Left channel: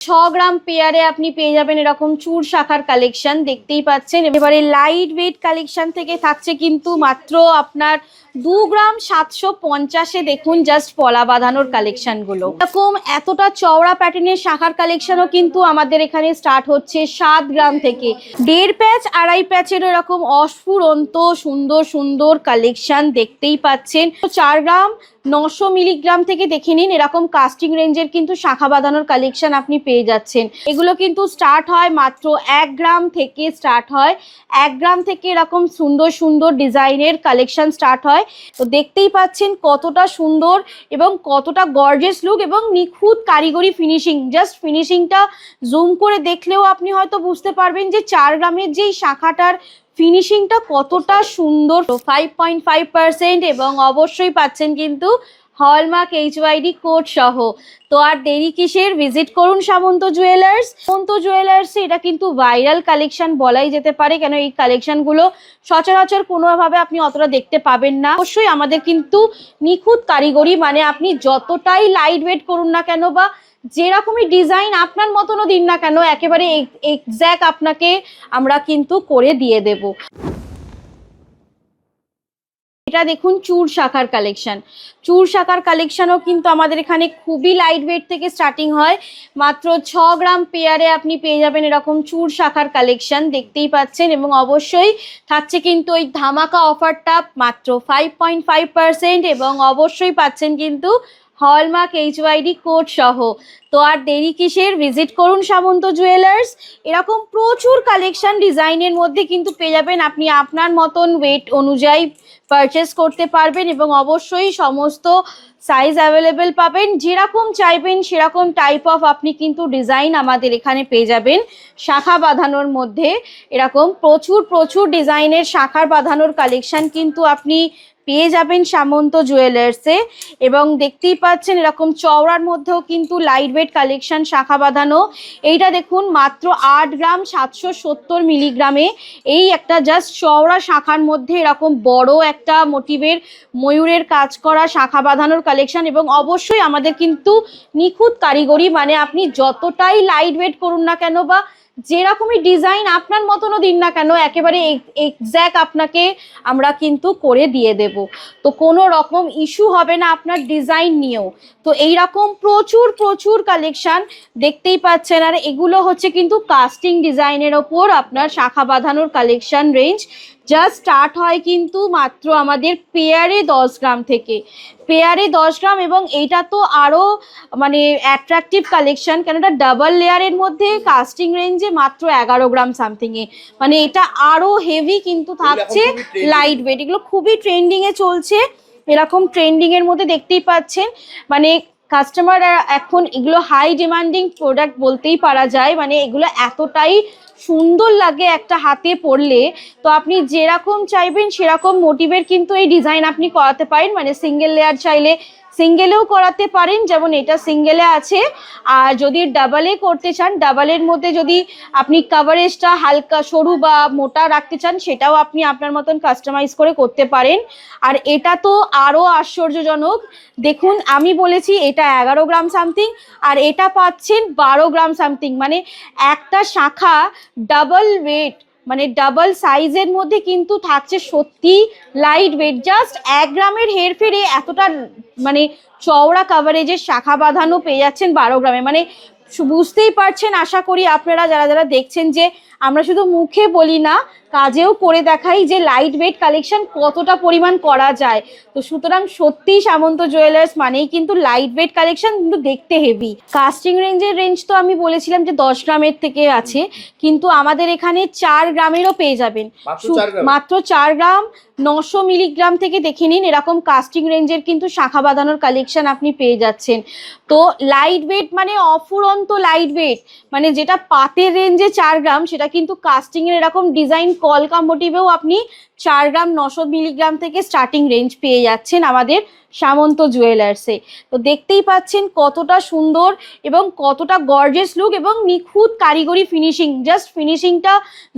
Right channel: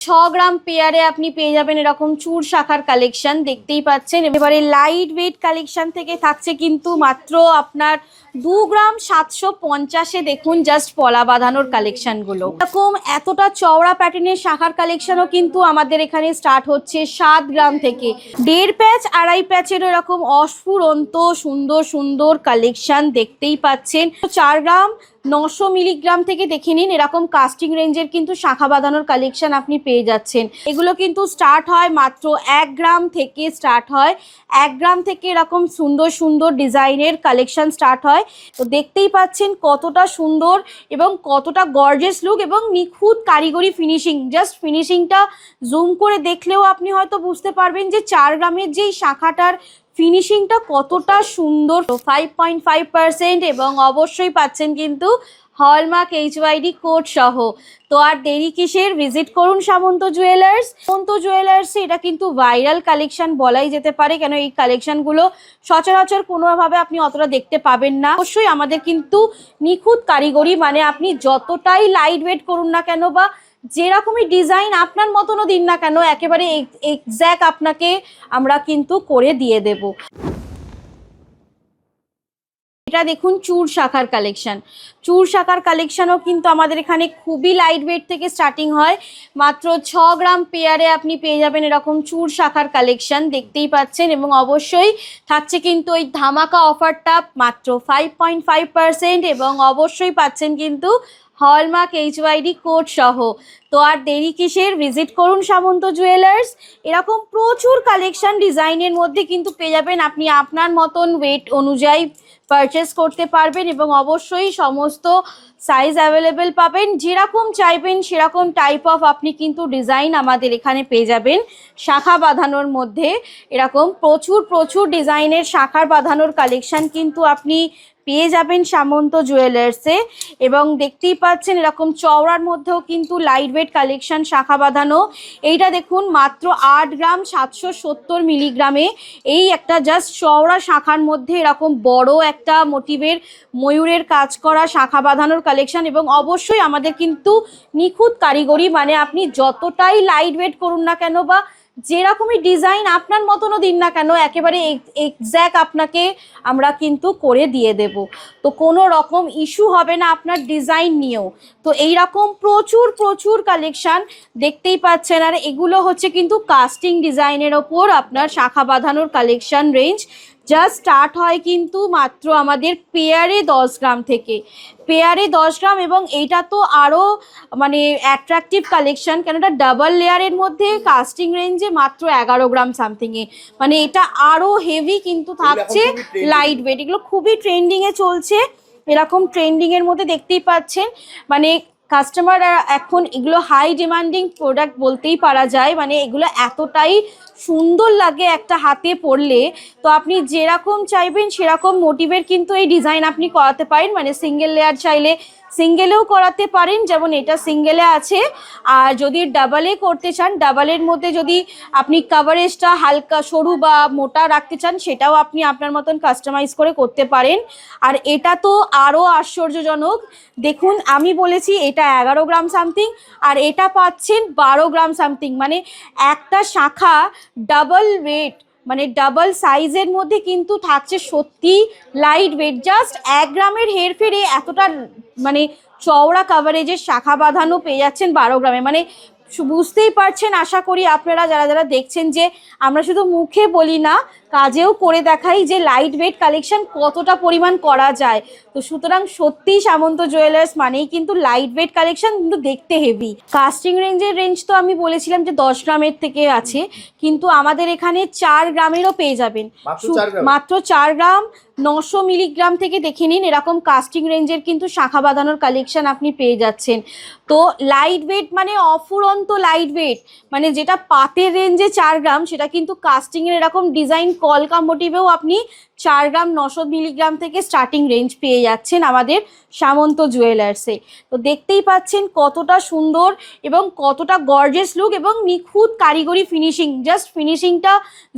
6 গ্রাম পেয়ারে আপনি পেয়ে যাবেন এরকম চুর শাখার কালেকশন, দেখতেই পাচ্ছেন। এবারে লাইট ওয়েট কালেকশন থেকে থাকছে কিন্তু মাত্র আপনার 2 গ্রাম 750-এ দেখুন জাস্ট পলা বাঁধানোর কালেকশন গুলো। এরকম এতটা চওড়া প্যাটার্নের শাখার কালেকশনও কিন্তু আমাদের এখানে স্টার্ট হচ্ছে 7 গ্রাম থেকে। 1.5 প্যাচ 2.5 প্যাচের এরকম অস্ফুরন্ত সুন্দর সুন্দর কালেকশন দেখতেই পাচ্ছেন। 4 গ্রাম 900 মিলিগ্রাম থেকে দেখে নিন এরকম কাস্টিং রেঞ্জের কিন্তু শাখা বাঁধানোর কালেকশন আপনি পেয়ে যাচ্ছেন। এগুলো কিন্তু স্টার্ট হয় মাত্র 1 গ্রাম থেকে স্টার্ট হয়। 1 গ্রাম থেকে এরকম সুন্দর সুন্দর ডিজাইনের কালেকশন স্টার্ট হয়। তো দেখতেই পাচ্ছেন কতটা সুন্দর এবং কতটা গর্জিয়াস লুক এবং নিখুঁত কারিগরি ফিনিশিং। জাস্ট ফিনিশিংটা জুম করে দেখলেও আপনি হয়তো বুঝতে পারবেন যে 4 গ্রামের যেই শাখাটার ফিনিশিংটা কতটা সুন্দর। 5.5% এবং অবশ্যই পাচ্ছেন কিন্তু হলমার্ক এইচওয়াইডি কোড সহ। তো আর দেরি কিসের, ভিজিট করুন সামন্ত জুয়েলার্স। সামন্ত জুয়েলার্স এটা কিন্তু ভাইরাল কালেকশন বলাই যেতে পারে, কেন এই কালেকশন গুলো সচরাচর কোনোভাবে আপনি অতটা দেখতে পাবেন না। অবশ্যই আমাদের কিন্তু নিখুঁত কারিগরি, মানে আপনি যতটাই লাইট ওয়েট করুন না কেন বা যেরকমই ডিজাইন আপনার মতনও দিন না কেন, একেবারে এক্স্যাক্ট আপনাকে আমরা কিন্তু করে দিয়ে দেব। এটা দেখুন চুর শাখার কালেকশন। চুর শাখার কালেকশনও কিন্তু আমাদের এখানে খুবই লাইট ওয়েট থেকে স্টার্টিং হয়। মাত্র 6 গ্রাম পেয়ারে আপনি পেয়ে যাবেন এরকম চুর শাখার কালেকশন, দেখতেই পাচ্ছেন। এবং অবশ্যই থাকছে কিন্তু ওই ধামাকা অফারটা মাত্র 5.5% এবং অবশ্যই পাচ্ছেন কিন্তু হলমার্ক এইচওয়াইডি কোড সহ। তো আর দেরি কিসের, ভিজিট করুন সামন্ত জুয়েলার্স। এরকম প্রচুর কালেকশন ডিজাইনের মধ্যে কিন্তু পেয়ে যাবেন, আপনি আপনার মতন ওয়েট অনুযায়ী পারচেস করতে পারবেন এবং অবশ্যই সমস্ত সাইজ অ্যাভেলেবেল পাবেন। যেরকম চাইবেন সেরকম টাইপ অফ আপনি কিন্তু ডিজাইন আমাদের এখানে পেয়ে যাবেন। শাখা বাঁধানোর মধ্যে এরকম প্রচুর প্রচুর ডিজাইনের শাখার বাঁধানোর কালেকশন কিন্তু আপনি পেয়ে যাবেন সামন্ত জুয়েলার্সে। এবং দেখতেই পাচ্ছেন এরকম চওড়ার মধ্যেও কিন্তু লাইট ওয়েট কালেকশন শাখা বাঁধানো। এইটা দেখুন মাত্র 8 গ্রাম 770 মিলিগ্রামে এই একটা জাস্ট চওড়া শাখার মধ্যে এরকম বড় একটা মোটিভের ময়ূরের কাজ করা শাখা বাঁধানোর কালেকশন। এবং অবশ্যই আমাদের কিন্তু নিখুঁত কারিগরি, মানে আপনি যতটাই লাইট ওয়েট করুন না কেন বা যেরকমই ডিজাইন আপনার মতনও দিন না কেন, একেবারে এক্স্যাক্ট আপনাকে আমরা কিন্তু করে দিয়ে দেব। তো কোনো রকম ইস্যু হবে না আপনার ডিজাইন নিয়েও। তো এইরকম প্রচুর প্রচুর কালেকশন দেখতেই পাচ্ছেন। আর এগুলো হচ্ছে কিন্তু কাস্টিং ডিজাইনের ওপর আপনার শাখা বাঁধানোর কালেকশন রেঞ্জ। যা স্টার্ট হয় কিন্তু মাত্র আমাদের পেয়ারে 10 গ্রাম থেকে। পেয়ারে 10 গ্রাম এবং এটা তো আরো মানে অ্যাট্রাকটিভ কালেকশন, কেন এটা ডাবল লেয়ারের মধ্যে কাস্টিং রেঞ্জে মাত্র 11 গ্রাম সামথিং এ, মানে এটা আরো হেভি কিন্তু থাকছে লাইট ওয়েট। এগুলো খুবই ট্রেন্ডিং এ চলছে, এরকম ট্রেন্ডিং এর মধ্যে দেখতেই পাচ্ছেন। মানে কাস্টমার এখন এগুলো হাই ডিমান্ডিং প্রোডাক্ট বলতেই পারা যায়, মানে এগুলো এতটাই সুন্দর লাগে একটা হাতে পরলে। তো আপনি যেরকম চাইবেন সেরকম মোটিভের কিন্তু এই ডিজাইন আপনি করাতে পারেন, মানে সিঙ্গেল লেয়ার চাইলে সিঙ্গেলেও করাতে পারেন, যেমন এটা সিঙ্গেলে আছে। আর যদি ডাবলে করতে চান, ডাবলের মধ্যে যদি আপনি কাভারেজটা হালকা সরু বা মোটা রাখতে চান, সেটাও আপনি আপনার মতন কাস্টমাইজ করে করতে পারেন। আর এটা তো আরো আশ্চর্যজনক, দেখুন আমি বলেছি এটা 11 গ্রাম সামথিং আর এটা পাচ্ছেন 12 গ্রাম সামথিং, মানে একটা শাখা ডাবল ওয়েট, মানে ডাবল সাইজের মধ্যে কিন্তু থাকছে সত্যি লাইট ওয়েট। জাস্ট 1 গ্রামের হেরফেরে এতটা মানে চওড়া কাভারেজের শাখা বাঁধানো পেয়ে যাচ্ছেন 12 গ্রামে। মানে বুঝতেই পারছেন আশা করি আপনারা যারা যারা দেখছেন যে আমরা শুধু মুখে বলি না, কাজেও করে দেখাই যে লাইট ওয়েট কালেকশন কতটা পরিমাণ করা যায়। তো সুতরাং সত্যি সামন্ত জুয়েলার্স মানেই কিন্তু লাইট ওয়েট কালেকশন, কিন্তু দেখতে হেভি। কাস্টিং রেঞ্জ তো আমি বলেছিলাম যে 10 গ্রামের থেকে আছে, কিন্তু আমাদের এখানে 4 গ্রামেরও পেয়ে যাবেন। মাত্র 4 গ্রাম 900 মিলিগ্রাম থেকে দেখে নিন এরকম কাস্টিং রেঞ্জের কিন্তু শাখা বাঁধানোর কালেকশন আপনি পেয়ে যাচ্ছেন। তো লাইট ওয়েট মানে অফুরন্ত লাইট ওয়েট, মানে যেটা পাতের রেঞ্জে 4 গ্রাম সেটা কিন্তু কাস্টিং এর এরকম ডিজাইন কলকা মোটিভেও আপনি 4 গ্রাম 900 মিলিগ্রাম থেকে স্টার্টিং রেঞ্জ পেয়ে যাচ্ছেন আমাদের সামন্ত জুয়েলার্সে। তো দেখতেই পাচ্ছেন কতটা সুন্দর এবং কতটা গর্জিয়াস লুক এবং নিখুঁত কারিগরি ফিনিশিং। জাস্ট ফিনিশিংটা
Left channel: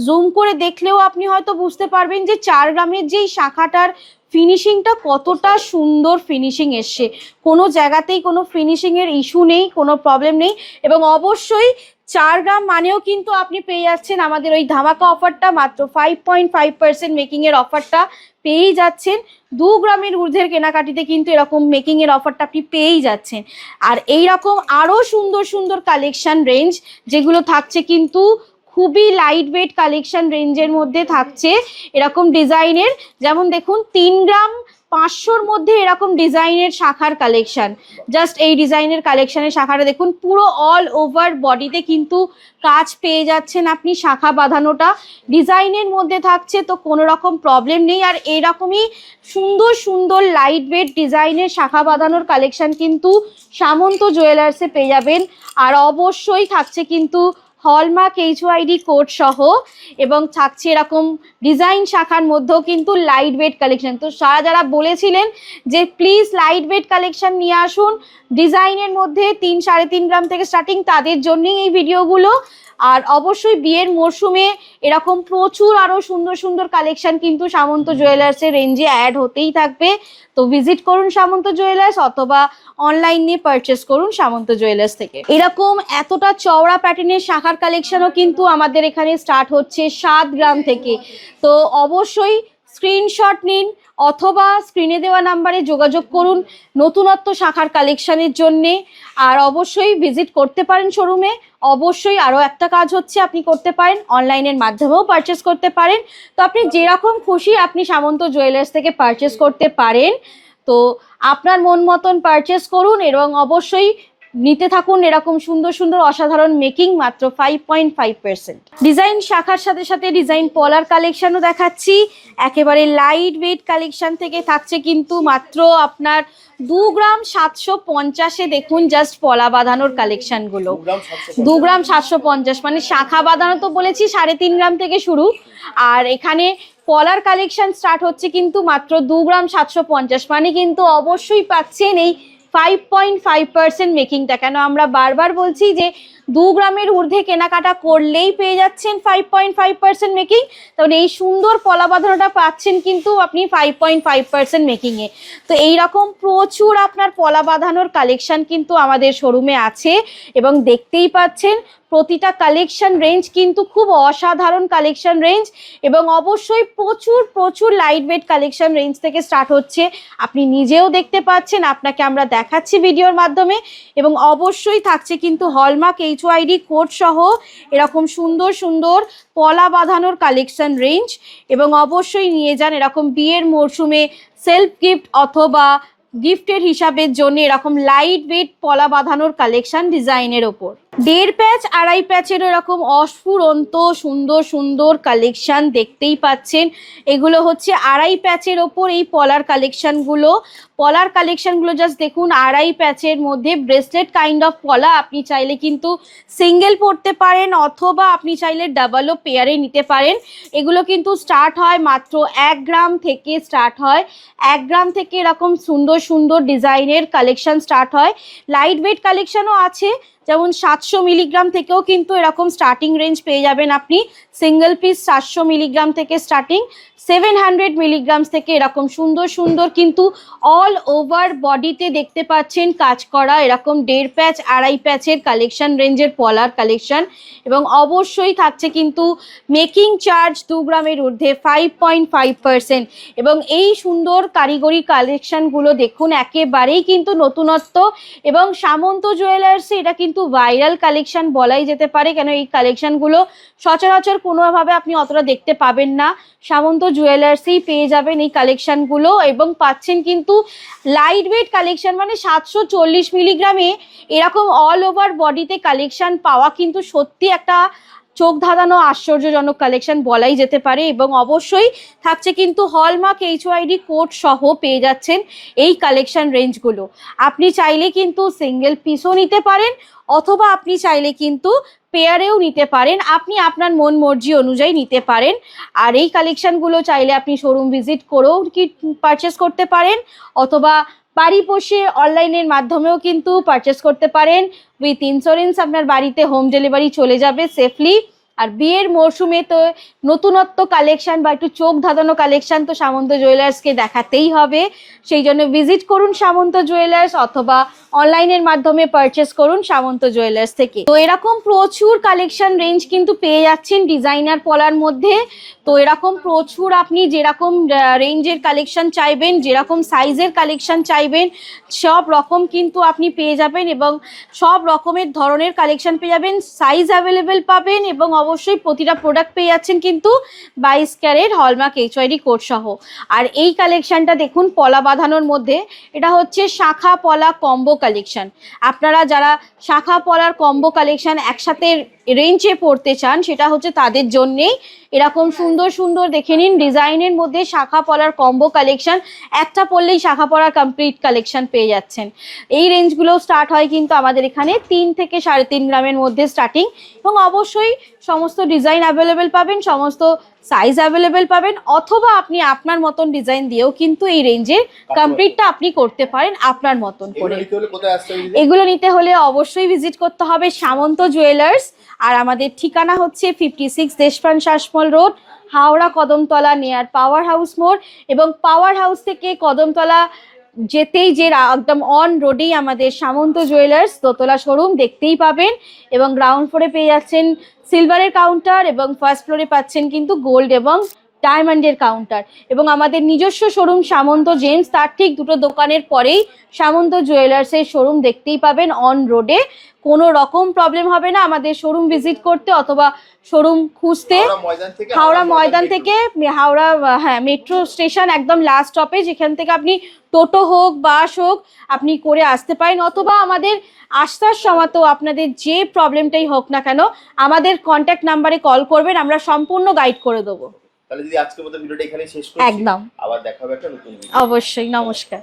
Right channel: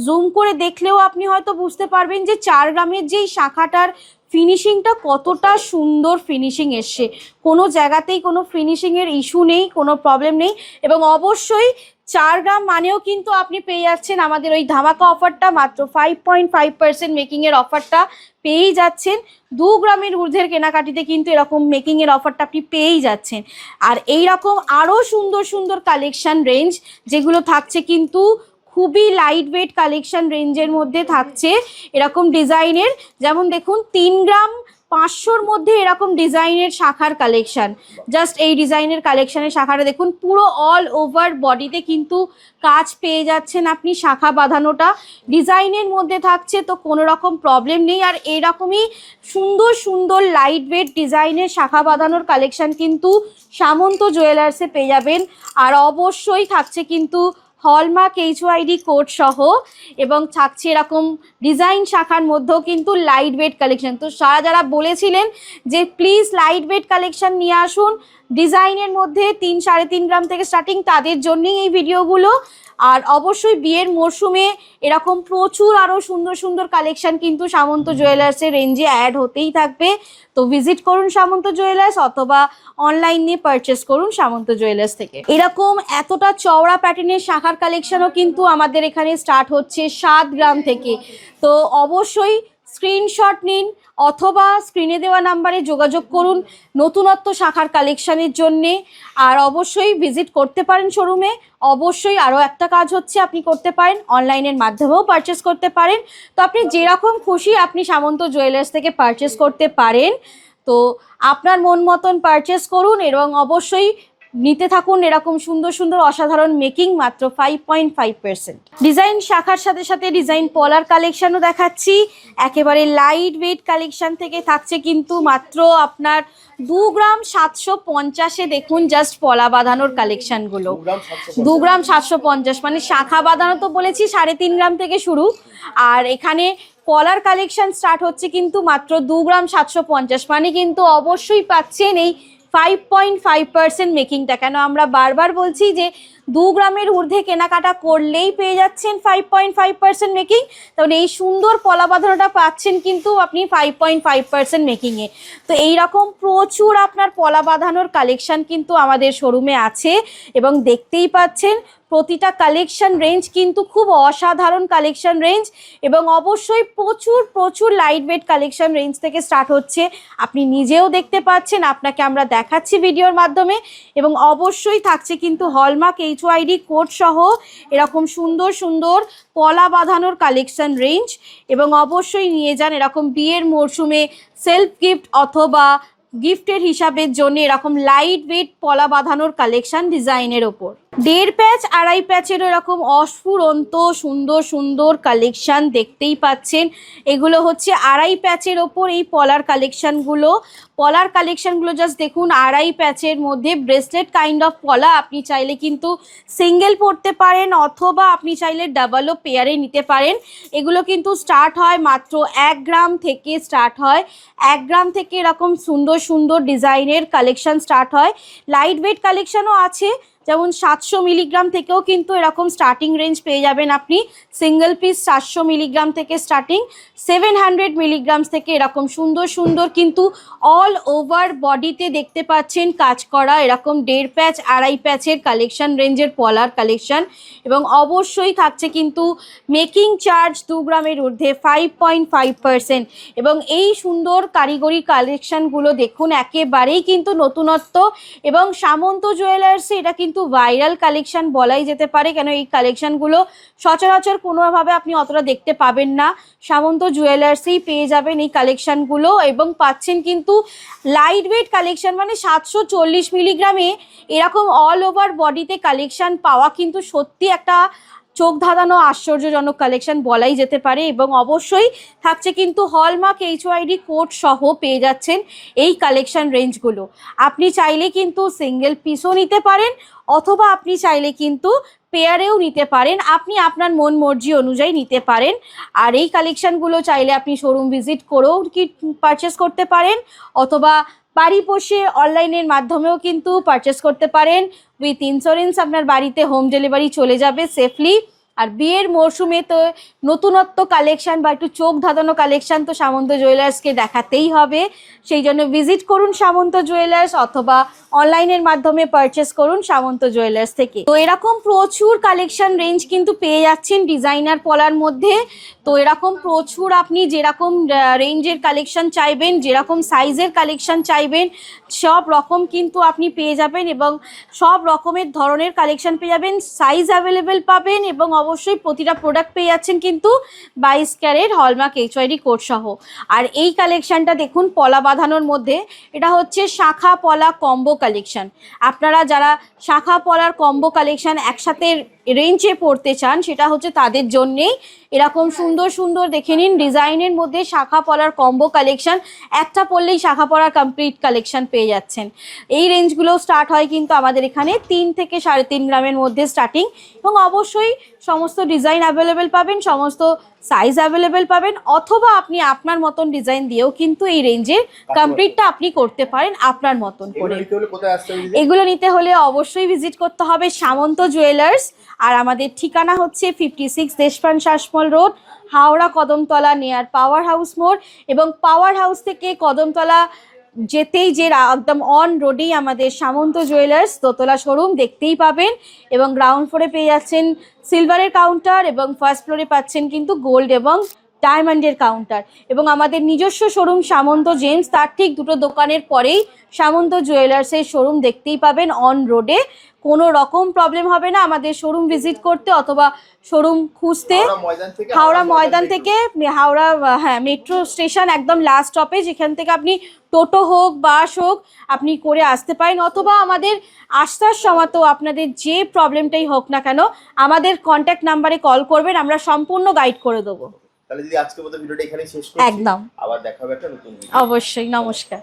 জুম করে দেখলেও আপনি হয়তো বুঝতে পারবেন যে 4 গ্রামের যেই শাখাটার ফিনিশিংটা কতটা সুন্দর ফিনিশিং এসছে, কোনো জায়গাতেই কোনো ফিনিশিং এর ইস্যু নেই, কোনো প্রবলেম নেই। এবং অবশ্যই 4 গ্রাম মানেও কিন্তু আপনি পেয়ে যাচ্ছেন আমাদের ওই ধামাকা অফারটা, মাত্র 5.5% মেকিং এর অফারটা পেয়েই যাচ্ছেন। 2 গ্রামের ঊর্ধ্বের কেনাকাটিতে কিন্তু এরকম মেকিং এর অফারটা আপনি পেয়েই যাচ্ছেন। আর এইরকম আরো সুন্দর সুন্দর কালেকশন রেঞ্জ যেগুলো থাকছে কিন্তু খুবই লাইট ওয়েট কালেকশন রেঞ্জের মধ্যে থাকছে এরকম ডিজাইনের। যেমন দেখুন 3 গ্রাম 500-র মধ্যে এরকম ডিজাইনের শাখার কালেকশন, জাস্ট এই ডিজাইনের কালেকশনের শাখাটা দেখুন, পুরো অল ওভার বডিতে কিন্তু কাজ পেয়ে যাচ্ছেন আপনি, শাখা বাঁধানোটা ডিজাইনের মধ্যে থাকছে, তো কোনো রকম প্রবলেম নেই। আর এইরকমই সুন্দর সুন্দর লাইট ওয়েট ডিজাইনের শাখা বাঁধানোর কালেকশন কিন্তু সামন্ত জুয়েলার্সে পেয়ে যাবেন। আর অবশ্যই থাকছে কিন্তু হলমার্ক HYD কোড সহ, এবং থাকছে এরকম ডিজাইন শাখার মধ্যেও কিন্তু লাইট ওয়েট কালেকশন। তো যারা বলেছিলেন যে প্লিজ লাইট ওয়েট কালেকশন নিয়ে আসুন ডিজাইনের মধ্যে 3-3.5 গ্রাম থেকে স্টার্টিং, তাদের জন্যই এই ভিডিওগুলো। আর অবশ্যই বিয়ের মরশুমে এরকম প্রচুর আরো সুন্দর সুন্দর কালেকশন কিন্তু সামন্ত জুয়েলার্সের রেঞ্জে অ্যাড হতেই থাকবে। তো ভিজিট করুন সামন্ত জুয়েলার্স, অথবা অনলাইনে পারচেস করুন সামন্ত জুয়েলার্স থেকে। এরকম এতটা চওড়া প্যাটার্নের শাখার কালেকশনও কিন্তু আমাদের এখানে স্টার্ট হচ্ছে 7 গ্রাম থেকে। তো অবশ্যই স্ক্রিনশট নিন অথবা স্ক্রিনে দেওয়া নাম্বারে যোগাযোগ করুন নতুনত্ব শাখার কালেকশনের জন্যে। আর অবশ্যই ভিজিট করতে পারেন শোরুমে। অবশ্যই আরও একটা কাজ হচ্ছে, আপনি করতে পারেন অনলাইনের মাধ্যমেও পারচেস করতে পারেন। তো আপনি যেরকম খুশি আপনি সামন্ত জুয়েলার্স থেকে পারচেস করতে পারেন। তো আপনার মন মতন পারচেস করুন এবং অবশ্যই নিতে থাকুন এরকম সুন্দর সুন্দর অসাধারণ মেকিং, মাত্র 5.5%। ডিজাইন শাখার সাথে সাথে ডিজাইন পলার কালেকশনও দেখাচ্ছি। একেবারে লাইট ওয়েট কালেকশন থেকে থাকছে কিন্তু মাত্র আপনার 2 গ্রাম 750-এ দেখুন জাস্ট পলা বাঁধানোর কালেকশনগুলো। 2 গ্রাম 750 মানে শাখা বাঁধানো তো বলেছি 3.5 গ্রাম থেকে শুরু, আর এখানে পলার কালেকশন স্টার্ট হচ্ছে কিন্তু মাত্র 2 গ্রাম 750, মানে কিন্তু অবশ্যই পাচ্ছেন এই 5.5% মেকিংটা। কেন আমরা বারবার বলছি যে 2 গ্রামের ঊর্ধ্বে কেনাকাটা করলেই পেয়ে যাচ্ছেন 5.5% মেকিং, তাহলে এই সুন্দর পলা বাঁধানোটা পাচ্ছেন কিন্তু আপনি 5.5% মেকিং এ। তো এইরকম প্রচুর আপনার পলা বাঁধানোর কালেকশন কিন্তু আমাদের শোরুমে আছে, এবং দেখতেই পাচ্ছেন প্রতিটা কালেকশন রেঞ্জ কিন্তু খুব অসাধারণ কালেকশন রেঞ্জ, এবং অবশ্যই প্রচুর প্রচুর লাইট ওয়েট কালেকশন রেঞ্জ থেকে স্টার্ট হচ্ছে। আপনি নিজেও দেখতে পাচ্ছেন, আপনাকে আমরা দেখাচ্ছি ভিডিওর মাধ্যমে। এবং অবশ্যই থাকছে কিন্তু হলমার্ক HYD কোড সহ এরকম সুন্দর সুন্দর পলা বাঁধানোর কালেকশন রেঞ্জ। এবং অবশ্যই নিয়ে যান এরকম বিয়ের মরশুমে সেলফ গিফট অথবা গিফটের হিসাবের জন্য এরকম লাইট ওয়েট পলা বাঁধানোর কালেকশন ডিজাইনের ওপর। 1.5 প্যাচ 2.5 প্যাচের এরকম অস্ফুরন্ত সুন্দর সুন্দর কালেকশন দেখতেই পাচ্ছেন। এগুলো হচ্ছে 2.5 প্যাচের ওপর এই পলার কালেকশনগুলো। পলার কালেকশনগুলো জাস্ট দেখুন, 2.5 প্যাচের মধ্যে ব্রেসলেট কাইন্ড অফ পলা। আপনি চাইলে কিন্তু সিঙ্গেল পরতে পারেন অথবা আপনি চাইলে ডাবলও পেয়ারে নিতে পারেন। এগুলো কিন্তু স্টার্ট হয় মাত্র 1 গ্রাম থেকে স্টার্ট হয়। 1 গ্রাম থেকে এরকম সুন্দর সুন্দর ডিজাইনের কালেকশন স্টার্ট হয়। লাইট ওয়েট কালেকশনও আছে, যেমন 700 মিলিগ্রাম থেকেও কিন্তু এরকম স্টার্টিং রেঞ্জ পেয়ে যাবেন আপনি। সিঙ্গেল পিস 400 মিলিগ্রাম থেকে স্টার্টিং, 700 মিলিগ্রাম থেকে এরকম সুন্দর সুন্দর কিন্তু অল ওভার বডিতে দেখতে পাচ্ছেন কাজ করা এরকম 1.5 প্যাচ 2.5 প্যাচের কালেকশন রেঞ্জের পলার কালেকশন। এবং অবশ্যই থাকছে কিন্তু মেকিং চার্জ 2 গ্রামের ঊর্ধ্বে 5.5%। এবং এই সুন্দর কারিগরি কালেকশনগুলো দেখুন একেবারেই কিন্তু নতুনত্ব, এবং সামন্ত জুয়েলার্সে এটা কিন্তু ভাইরাল কালেকশন বলাই যেতে পারে। কেন এই কালেকশনগুলো সচরাচর কোনোভাবে আপনি অতটা দেখতে পাবেন না, সামন্ত জুয়েলার্সেই পেয়ে যাবেন এই কালেকশনগুলো। এবং পাচ্ছেন কিন্তু লাইট ওয়েট কালেকশন, মানে 740 মিলিগ্রামে এরকম অল ওভার বডিতে কালেকশন পাওয়া কিন্তু সত্যি একটা চোখ ধাঁধানো আশ্চর্যজনক কালেকশন বলাই যেতে পারে। এবং অবশ্যই থাকছে কিন্তু হলমার্ক HYD কোড সহ পেয়ে যাচ্ছেন এই কালেকশন রেঞ্জগুলো। আপনি চাইলে কিন্তু সিঙ্গেল পিসও নিতে পারেন অথবা আপনি চাইলে কিন্তু পেয়ারেও নিতে পারেন, আপনি আপনার মন মর্জি অনুযায়ী নিতে পারেন। আর এই কালেকশনগুলো চাইলে আপনি শোরুম ভিজিট করেও কি পারচেস করতে পারেন, অথবা বাড়ি বসে অনলাইনের মাধ্যমেও কিন্তু পারচেস করতে পারেন। উইথ ইন্স্যুরেন্স আপনার বাড়িতে হোম ডেলিভারি চলে যাবে সেফলি। আর বিয়ের মরশুমে তো নতুনত্ব কালেকশন বা একটু চোখ ধাঁধানো কালেকশন তো সামন্ত জুয়েলার্সকে দেখাতেই হবে। সেই জন্য ভিজিট করুন সামন্ত জুয়েলার্স, অথবা অনলাইনের মাধ্যমে পারচেস করুন সামন্ত জুয়েলার্স থেকে। তো এরকম প্রচুর কালেকশন রেঞ্জ কিন্তু পেয়ে যাচ্ছেন ডিজাইনার পলার মধ্যে। তো এরকম প্রচুর আপনি যেরকম রেঞ্জের কালেকশন চাইবেন, যেরকম সাইজের কালেকশন চাইবেন, সব রকম কিন্তু আপনি পেয়ে যাবেন এবং সব রকমের ধরনের কালেকশন পেয়ে যাবেন, সাইজ অ্যাভেলেবেল পাবেন এবং অবশ্যই প্রতিটা প্রোডাক্ট পেয়ে যাচ্ছেন কিন্তু 22 ক্যারেট হলমার্ক HYD কোড সহ। আর এই কালেকশনটা দেখুন পলা বাঁধানোর মধ্যে, এটা হচ্ছে শাখা পলা কম্বো কালেকশন। আপনারা যারা শাখা পলার কম্বো কালেকশন একসাথে রেঞ্জে পড়তে চান সেটা হচ্ছে তাদের জন্যেই। এরকম সুন্দর সুন্দর দেখে নিন ডিজাইনের মধ্যে শাখা পলার কম্বো কালেকশন, একটা পরলেই শাখা পলার কমপ্লিট কালেকশন পেয়ে যাচ্ছেন। এই রেঞ্জগুলো স্টার্ট হয় কিন্তু আমাদের এখানে 3 থেকে 3.5 গ্রামের মধ্যে স্টার্টিং, এবং অবশ্যই সমস্ত ডিজাইন অ্যাভেলেবেল পাবেন, সমস্ত সাইজ অ্যাভেলেবেল পাবেন, অথবা আপনি আপনার মতন ডিজাইন দিয়েও কিন্তু এই রেঞ্জের কমপ্লিটটা আপনি করতে পারেন আপনার মতন করে। এগুলো নিতে হলে অবশ্যই ভিজিট করতে হবে সামন্ত জুয়েলার্স। আর আমাদের ঠিকানা হচ্ছে 56 Deshapran Sasmal road, Howrah Kadamtala near power house মোড়। এবং পাওয়ার হাউস থেকে কদমতলা যেতেই যে একদম অন রোডেই আমাদের সামন্ত জুয়েলার্স দোতলা শোরুম দেখতেই পাবেন। এবং গ্রাউন্ড ফ্লোরে পেয়ে যাচ্ছেন সিলভারের কাউন্টার এবং ফার্স্ট ফ্লোরে পাচ্ছেন কিন্তু গোল্ড এবং ডায়মন্ডের কাউন্টার। এবং আমাদের নিজস্ব শোরুম সামন্ত জেমস, তার ঠিক দুটো দোকানের পরেই সামন্ত জুয়েলার্সের শোরুম দেখতেই পাবেন অন রোডে। কোনো রকম প্রবলেম হবে না আমাদের শোরুম ভিজিট করতে অথবা শোরুম খুঁজতে। হাওড়া ময়দান থেকে হাওড়া মেট্রো স্টেশন একদম লাস্ট স্টপে, যেখান থেকে আপনি টোটো হোক বাস হোক আপনি করে আসতে পারেন, অথবা আমাদের আসার সময় তো আপনাদের যে প্রবলেমটাই হোক না কেন আমাদের কন্ট্যাক্ট নাম্বারে কল করবেন, আমরা সম্পূর্ণ গাইড করে দেবো। তাহলে দিদি আজকের মতো ভিডিওটা এখানেই শেষ করছি, একদম আবার দেখা হবে একটা নতুন ভিডিও। অবশ্যই, নমস্কার।